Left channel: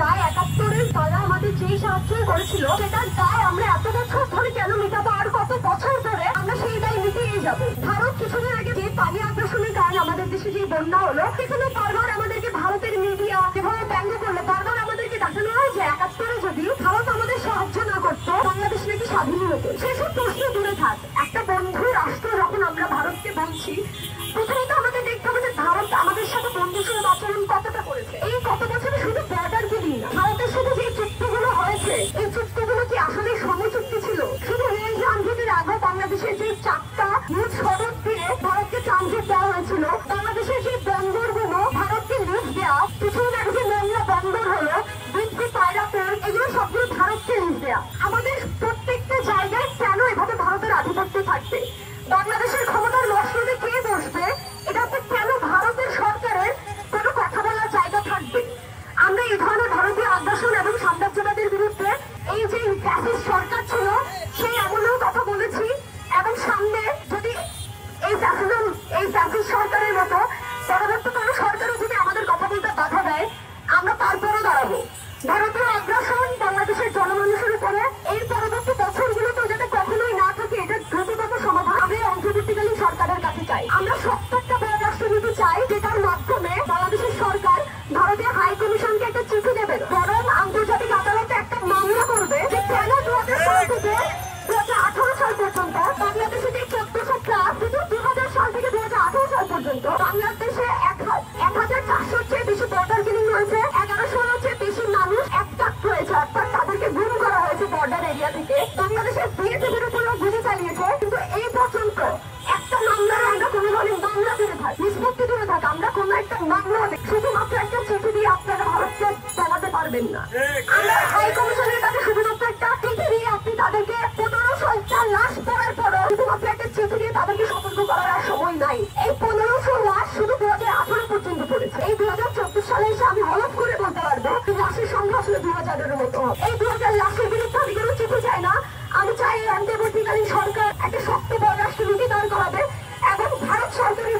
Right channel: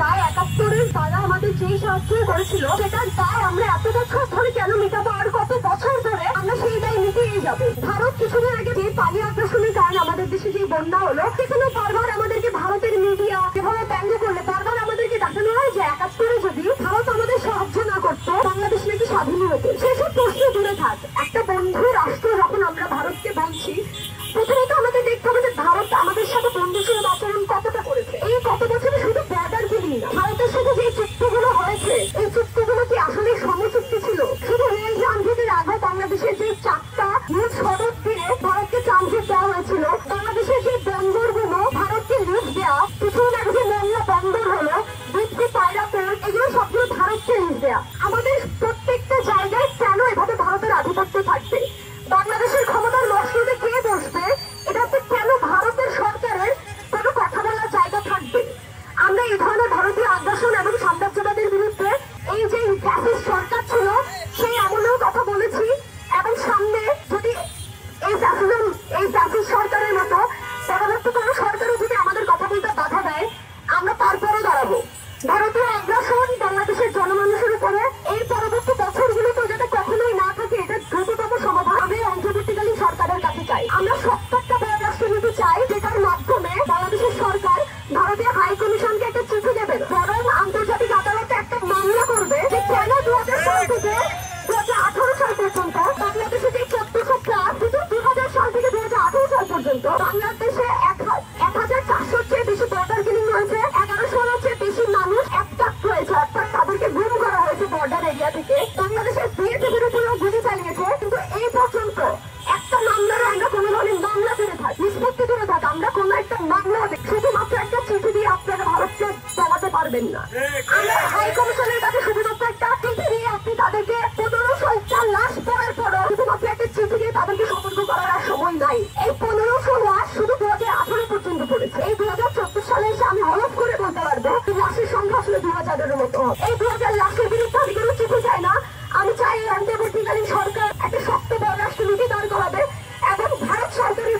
দায় ৭১-এর তারা আমাদের যেই সাহায্য করেছিল সেটার দায় আমরা এত বছর ধরে কেন মেটাবো? আর কত বছর ধরে আমরা সেই দায় মিটিয়ে যাবো? ভারত কিছুদিন আগে যে পানি আগ্রাসনের কারণে আমাদের দেশে যে বন্যা হলো, সেখানে বারবার আমাদেরকে ভারতের মিডিয়া যেভাবে ব্যঙ্গ করলে বারবার আমাদেরকে দেখানো হয় যে ৭১-এ যদি ভারত আমাদের সাহায্য না করতো বাংলাদেশ নাকি স্বাধীনই হতো। সেসব প্রশ্ন দূরে থাক, একটা বন্ধু রাষ্ট্র যখন আমরা ভারতকে বলছি, প্রথমত আমাদের দেখতে হবে যে ভারত আমাদের সাথে বন্ধুসুলভ আচরণ কতটা করেছে। এই কত বছরে শুধু বর্ডার গুলি না, ভারতের সাথে যে চুক্তিগুলো হয়েছে এই চুক্তিগুলো কি আসলে সমচুক্তি ছিল? শুধু রেল ট্রানজিটের আগে বাংলাদেশের যে 4টা নিজ সড়ক দিয়ে ভারতকে ট্রানজিট দেওয়া হয়েছিল, বাংলাদেশের যে বন্দরগুলো ভারতকে লিজ দেওয়া, কিছুদিন আগে যে মোংলা বন্দর হলো, দুধকে পায়রা পোর্ট, এগুলো সবগুলো ভারতকে লিজ দেওয়া। আমাদের প্রত্যেকটা জায়গায় কেন এভাবে ভারতের আধিপত্য থাকবে? বাংলাদেশের ক্ষমতার মসজিদে কে বসবে? এটাতে কেন ভারতের সরকারের কোনো কথা বলার জায়গা থাকবে? আমরা এই ধরনের ভারতীয় আগ্রাসন এবং সাম্রাজ্যবাদের বিরুদ্ধে এই যে ফ্যাসিস্ট সরকার ছিল সেই আমলেও কথা বলেছি, এবং সামনে যদি এই ফ্যাসিস্ট সরকারের মতো পরবর্তী কোনো সরকারও যদি আমাদের কথা বলতে বাধা দেয়, আমরা তারপরে দাঁড়াবো। ভারতীয় আগ্রাসন বাংলাদেশের জনমানুষের উপরে এই পরবর্তী বছরগুলোতে যাতে কখনোই না থাকে, এটা দ্রুততম সমাধান আমি অন্তর্বর্তীকালীন সরকারের কাছে চাই। আমরা সত্য একটা পররাষ্ট্রনীতি চাই, যেটার মাধ্যমে বাংলাদেশের সরকার ভারতীয় হাই কমিশনকে একটা চিঠি দেবে, বরং আন্তর্জাতিক আদালতে একটা মামলা করবে যে কেন 2016 থেকে 2018 সাল পর্যন্ত বাংলাদেশে যে 1400 শুধু 2000 সাল থেকে 2018 সাল পর্যন্ত বাংলাদেশে 1400 চেয়ে বেশি বর্ডার কিলিং হয়েছে, 1100 চেয়ে বেশি মানুষ অ্যাটাক হয়েছে, অর্থাৎ তাদেরকে গুম করা হয়েছে বর্ডার এরিয়া থেকে। বাংলাদেশের বিএসএফের উপরেও গুলি চালিয়েছে, কিন্তু এই পর্যন্ত একটা মামলার আমরা কোনো ধরনের মামলা দূরে থাক, নিষ্পত্তি দূরে থাক, আমরা কোনো একটা মামলা হবে শুধুমাত্র একটা চিঠি দিয়ে আপনারা ভারতকে জানাতে পারবেন না। আমরা হাই কমিশনের কাছে শুধুমাত্র একটা চিঠি দিয়ে আপনি তাদেরকে 1500টা লাশ পড়ার পরও শুধুমাত্র একটা চিঠি দিয়ে তাদেরকে সতর্ক করার আর সময় নাই। এই 1500 লাশ শুধু 2018 পর্যন্ত পড়েছে। এই 2024 সালে এসে আমি হলফ করে বলতে পারবো লাশের সংখ্যা আসলে 2000-এর মতো হবে। এই 2000 লাশের বিরুদ্ধে আমি কোনো চিঠি চাই না, আমি চাই অন্তর্বর্তীকালীন সরকার একটা শক্ত পররাষ্ট্রনীতি দাঁড় করাবে এবং ভারত সরকারের